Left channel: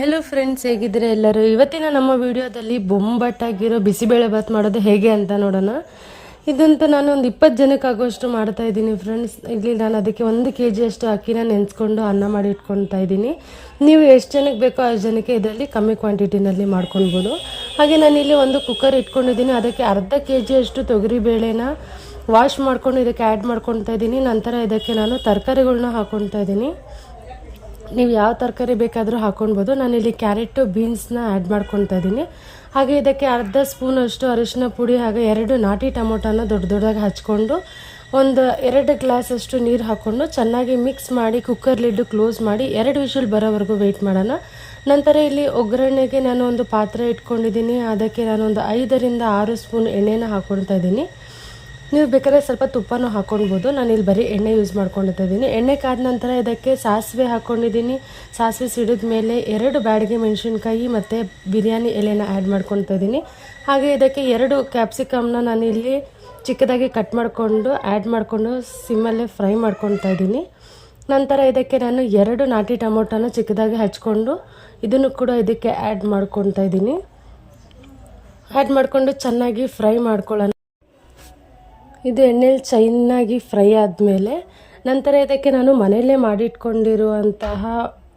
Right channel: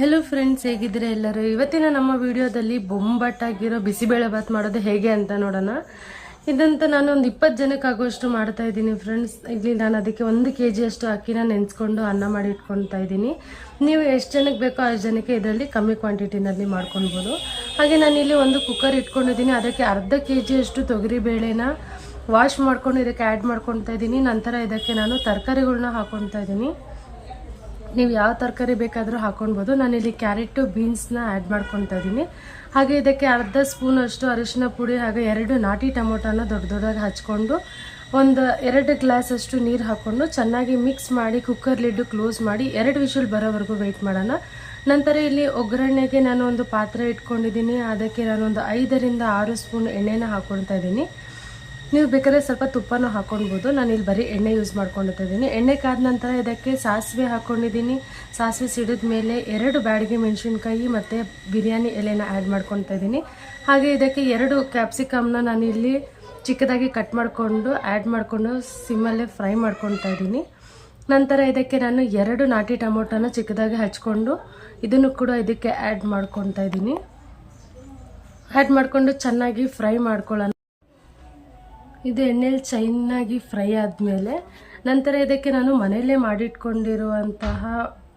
Hello friends, ಹೇಗಿದ್ರೆ ಎಲ್ಲರೂ. ಇವತ್ತಿನ ನಮ್ಮ ವಿಡಿಯೋದಲ್ಲಿ ಬೊಂಬಟ್ಟಾಗಿರೋ ಬಿಸಿಬೇಳೆ ಬಾತ್ ಮಾಡೋದು ಹೇಗೆ ಅಂತ ನೋಡೋಣ. ಇದಂತ ನಾನು ಒಂದು 20 ಜನಕ್ಕೆ ಆಗೋಷ್ಟು ಮಾಡ್ತಾ ಇದ್ದೀನಿ ಫ್ರೆಂಡ್ಸ್. ಇಲ್ಲಿ ನಾನು ಅದಕ್ಕೆ 1 kg ಅಷ್ಟು ಅಕ್ಕಿನ ನೆನೆಸ್ಕೊಂಡು ಅನ್ನ ಮಾಡಿ ಇಟ್ಕೊಳ್ತಾ ಇದ್ದೀನಿ. ನೀವು ಎಷ್ಟು ಜನಕ್ಕೆ ಬೇಕೋ ಅಷ್ಟು ಜನಕ್ಕೆ ಇದರಲ್ಲಿ ಕಮ್ಮಿ ಕ್ವಾಂಟಿಟಿನಲ್ಲಿ ಮಾಡ್ಕೊಳ್ಬೋದು. ಹಾಗೆ ನಾನಿಲ್ಲಿ ಒಂದು ಕುಕ್ಕರ್ ಇಟ್ಕೊಂಡಿದ್ದೀನಿ. ಅದಕ್ಕೆ ಅರ್ಧ kg ಅಷ್ಟು ತೊಗರಿಬೇಳೆನ ವಾಶ್ ಮಾಡ್ಕೊಂಡು ಇದಕ್ಕೆ ಆ್ಯಡ್ ಮಾಡ್ಕೊಳ್ತಾ ಇದ್ದೀನಿ. ನಂತರ ಇದಕ್ಕೆ ನಾನು ತರಕಾರಿಗಳನ್ನ ಹಾಕ್ಕೊಳ್ತಾ ಇದ್ದೀನಿ. ನೀವು ಯಾವ ತರಕಾರಿ ಬೇಕಾದರೂ ಹಾಕ್ಕೊಳ್ಬೋದು. ನಾನಿಲ್ಲಿ ಕ್ಯಾರೆಟು ಬೀನ್ಸ್ನ ಆ್ಯಡ್ ಮಾಡ್ಕೊಳ್ತಾ ಇದ್ದೀನಿ. ಹಾಗೆ ಇದಕ್ಕೆ ಅರ್ಧ ಸ್ಪೂನಷ್ಟು ಅರಿಶಿನ ಪುಡಿ ಹಾಗೆ 2 ನಾಟಿ ಟೊಮೊಟೊನ ದೊಡ್ಡ ದೊಡ್ಡದಾಗಿ ಹಚ್ಕೊಂಡು ಒಂದು 2 ಗ್ಲಾಸಷ್ಟು ನೀರು ಹಾಕ್ಕೊಂಡು ಚೆನ್ನಾಗಿ ಮಿಕ್ಸ್ ಮಾಡಿ ಕುಕ್ಕರ್ ಲಿಡ್ಡು ಕ್ಲೋಸ್ ಮಾಡಿ 2 ವಿಷಲ್ ಬರೋವರೆಗೂ ವೆಯ್ಟ್ ಮಾಡೋಣ. ನಂತರ ಇಲ್ಲಿ ಒಗ್ಗರಣೆಗೆ ನಾನು ಒಂದು ಪಾತ್ರೆ ಇಟ್ಕೊಂಡಿದ್ದೀನಿ. ಅದಕ್ಕೆ ನಾನೊಂದು 5 ರಿಂದ 6 ಸ್ಪೂನ್ ಎಣ್ಣೆನ ಹಾಕ್ಕೊಳ್ತಾ ಇದ್ದೀನಿ. ನೀವು ಬೇಕಾದ್ರೆ ಸ್ವಲ್ಪ ತುಪ್ಪನೂ ಹಾಕ್ಕೊಳ್ಬೋದು. ನಾನಿಲ್ಲಿ ಬರೀ ಎಣ್ಣೆ ಯೂಸ್ ಮಾಡ್ಕೊಳ್ತಾ ಇದ್ದೀನಿ. ಎಣ್ಣೆ ಕಾದ ನಂತರ ಇದಕ್ಕೆ ಸಾಸಿವೆ ಹಾಕ್ಕೊಂಡಿದ್ದೀನಿ. ಸಾಸಿವೆ ಸಿಡಿದ ಮೇಲೆ 2 ಬ್ಯಾಡಗಿ ಮೆಣಸಿನ್ಕಾಯಿ ಮತ್ತು ಬಿರಿಯಾನಿ ಎಲೆನ ಆ್ಯಡ್ ಮಾಡ್ಕೊಳ್ತಾ ಇದ್ದೀನಿ. ಹಾಗೆ ಇದಕ್ಕೆ 2 ಕ್ಯಾಪ್ಸಿಕಮ್ನ ನಾನಿಲ್ಲಿ ಚಿಕ್ಕದಾಗಿ ಕಟ್ ಮಾಡಿಕೊಂಡು ಆ್ಯಡ್ ಮಾಡಿಕೊಂಡು ಸಿಮ್ಮಲ್ಲೇ ಫ್ರೈ ಮಾಡ್ಕೊಳ್ತಾ ಇದ್ದೀನಿ. ನಂತರ ಇದಕ್ಕೆ ನಾನು 2 ನಾಟಿ ಟೊಮೊಟೊನ ಚಿಕ್ಕದಾಗಿ ಹಚ್ಕೊಂಡು ಇದನ್ನು ಕೂಡ ಇದಕ್ಕೆ ಆ್ಯಡ್ ಮಾಡ್ಕೊಳ್ತಾ ಇದ್ದೀನಿ. ಆ್ಯಡ್ ಮಾಡಿಕೊಂಡು ಚೆನ್ನಾಗಿ ಫ್ರೈ ಮಾಡ್ಕೊಳ್ಳೋಣ. ಇದು ಎಣ್ಣೆಲಿ ಚೆನ್ನಾಗಿ ಫ್ರೈ ಆದಮೇಲೆ ನಂತರ ಇದಕ್ಕೆ ನಾನು ಮನೆಯಲ್ಲೇ ಮಾಡಿಟ್ಕೊಂಡಿರುವಂತಹ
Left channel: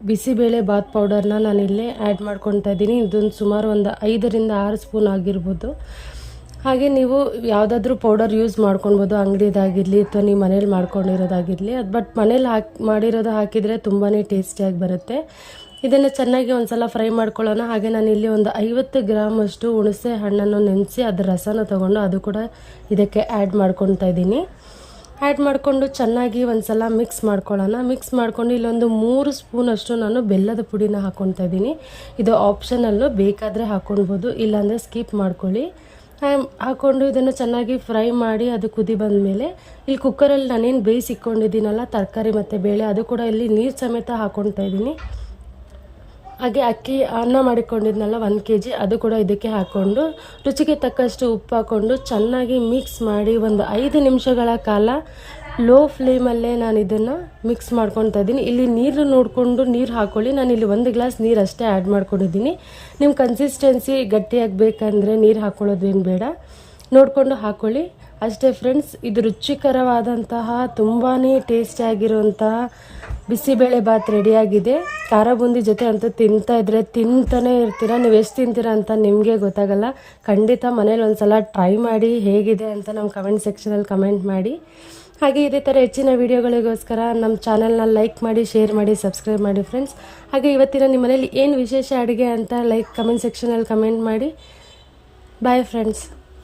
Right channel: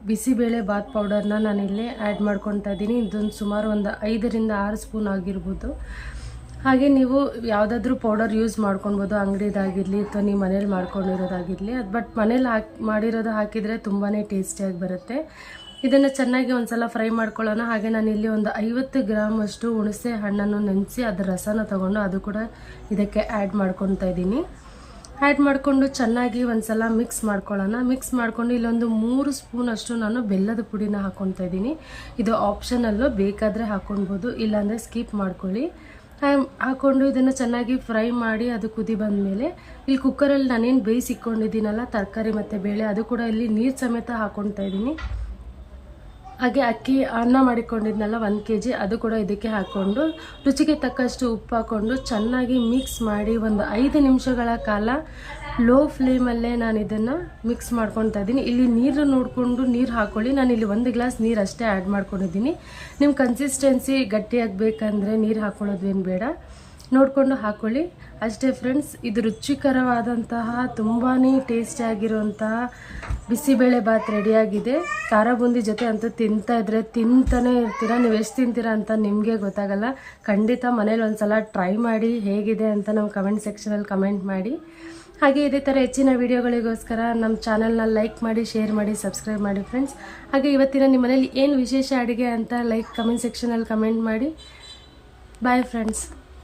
ಬಿಸಿಬೇಳೆ ಬಾತ್ ಪೌಡರ್ನ ನಾನಿಲ್ಲೇ ಆ್ಯಡ್ ಮಾಡ್ಕೊಳ್ತಾ ಇದ್ದೀನಿ. ಇದೊಂದು ಸುಮಾರು ಒಂದು 5 ರಿಂದ 6 ಸ್ಪೂನ್ ಆಗಿರ್ಬೋದು. ಹಾಗೆ ನೀವು ಯಾವುದಾದ್ರೂ ಪೌಡರ್ ಯೂಸ್ ಮಾಡ್ಕೊಳ್ಬೋದು, ಅಂಗಡಿದಾಗಿರಲಿ ಅಥವಾ ನೀವು ಮನೇಲಿ ಮಾಡ್ಕೊಂಡಿರೋದಾಗಿರಲಿ. ಬಟ್ ಮನೇಲಿ ಮಾಡಿರೋದು ಹಾಕಿದರೆ ತುಂಬಾ ಟೇಸ್ಟಿಯಾಗಿ ಬರುತ್ತೆ. ಇದನ್ನು ಚೆನ್ನಾಗಿ ಒಂದು ಸಲ ಫ್ರೈ ಮಾಡ್ಕೊಳ್ಳೋಣ. ಹಾಗೆ ನಾನಿಲ್ಲಿ ಒಂದು 50 ಗ್ರಾಮ್ ಅಷ್ಟು ಹುಣಸೆ ಹಣ್ಣನ್ನು ನೆನೆಸಿ ಅದರ ರಸನ ತೊಗೊಂಡು ಅದು ಕೂಡ ಇದಕ್ಕೆ ಆ್ಯಡ್ ಮಾಡ್ಕೊಳ್ತಾ ಇದ್ದೀನಿ. ಆ್ಯಡ್ ಮಾಡಿಕೊಂಡು ಚೆನ್ನಾಗಿ ಒಂದು ಸಲ ಮಿಕ್ಸ್ ಮಾಡ್ಕೊಳ್ಳೋಣ. ಮಿಕ್ಸ್ ಮಾಡಿಕೊಂಡು ಇಲ್ಲೊಂದು 3 ಸ್ಪೂನ್ ಅಷ್ಟು ನಾನು ಬೆಲ್ಲದ ಪುಡಿನ ಹಾಕ್ಕೊಳ್ತಾ ಇದ್ದೀನಿ. ಇದು ಆಪ್ಷನಲ್ಲು, ಬೇಕಾದರೆ ಹಾಕ್ಕೊಳ್ಬೋದು, ಇಲ್ಲಾಂದರೆ ಸ್ಕಿಪ್ ಮಾಡ್ಕೊಳ್ಳಿ. ಹಾಕ್ಕೊಂಡು ಇದನ್ನು ಚೆನ್ನಾಗಿ ಫ್ರೈ ಮಾಡಿ ಅದು ಕುದಿ ಬಂದಮೇಲೆ ಇಲ್ಲಿ ಕುಕ್ಕರಲ್ಲಿ ನಾನೇನು ಬೇಯಿಸಿಕ್ಕೊಂಡಿದ್ದೀನಲ್ಲ ತರಕಾರಿ ಮತ್ತು ಬೇಳೆ, ಅದು ಕೂಡ ಇಲ್ಲಿ ನೀರು ಸಮೇತ ಹಾಕ್ಕೊಳ್ತಾ ಇದ್ದೀನಿ. ಹಾಗೆ ಅಕ್ಕಿ ಅನ್ನ ಮಾಡಿಕೊಂಡಿದ್ನಲ್ಲ 1 kg, ಅದು ಕೂಡ ಇದಕ್ಕೆ ಹಾಕ್ಕೊಂಡು ರುಚಿಗೆ ತಕ್ಕಷ್ಟು ಉಪ್ಪು ಹಾಕ್ಕೊಂಡು ಚೆನ್ನಾಗಿ ಮಿಕ್ಸ್ ಮಾಡಿ ಒಂದು 5 ನಿಮಿಷಗಳ ಕಾಲ ಲೋ ಫ್ಲೇಮಲ್ಲೇ ನಾನು ಇದನ್ನು ಮಿಕ್ಸ್ ಮಾಡ್ಕೊತಾ ಇದ್ದೀನಿ. ಇಲ್ಲಿ ನೀರು ನೋಡಿಕೊಂಡು ನೀರು ಹಾಕ್ಕೊಳ್ಳಿ. ನಾನಿಲ್ಲಿ 1 ಗ್ಲಾಸ್ ನೀರು ಅಷ್ಟೇ ಆ್ಯಡ್ ಮಾಡ್ಕೊಂಡಿದ್ದೀನಿ. ನಿಮ್ಮ ಕನ್ಸಿಸ್ಟೆನ್ಸಿ ಗಟ್ಟಿಯಾಗಬೇಕಂದ್ರೆ ನೀರು ಹಾಕ್ಕೊಳ್ಳೋದೇನು ಬೇಡ, ನೋಡಿಕೊಂಡು ಹಾಕ್ಕೊಳ್ಳಿ ಅಷ್ಟೇ ಫ್ರೆಂಡ್ಸ್. ಇದು ರುಚಿಕರವಾದಂತಹ ತುಂಬಾ ಟೇಸ್ಟಿಯಾಗಿರುವಂತಹ ಬಿಸಿಬೇಳೆ ಬಾತ್ ರೆಡಿಯಾಗಿದೆ. ಖಾರ ಬೂಂದಿ ಜೊತೆ ಅಂತೂ ತಿಂತಾನೆ ಇರ್ತೀರಾ. ನೀವು ಎಷ್ಟು ತಿಂತೀರಾ ಅಂತ ನಿಮಗೆ ಗೊತ್ತಾಗಲ್ಲ. ಖಂಡಿತ ಮನೇಲಿ ಒಂದು ಸಲ ಟ್ರೈ ಮಾಡಿ ಹೇಗಿದೆ ಅಂತ ನಮ್ಮ ಕಮೆಂಟ್ ಸೆಕ್ಷನಲ್ಲಿ ಕಮೆಂಟ್ ಮಾಡಿ. ಹಾಗೆ ಇದೇ ಥರ ಹೆಚ್ಚಿನ ವೀಡಿಯೋಗಳಿಗೋಸ್ಕರ ನಮ್ಮ ಚಾನಲ್ನ ಲೈಕ್ ಮಾಡಿ, ಶೇರ್ ಮಾಡಿ, ಸಬ್ಸ್ಕ್ರೈಬ್ ಮಾಡಿ ಫ್ರೆಂಡ್ಸ್. ಹಾಗೆ ಇವತ್ತಿನ ನಿಮ್ಮ ಮನೇಲಿ ಏನು ವಿಶೇಷ ಅಡುಗೆ ಅಂತ ಕಮೆಂಟ್ ಸೆಕ್ಷನಲ್ಲಿ ಕಮೆಂಟ್ ಮಾಡಿ. Bye friends.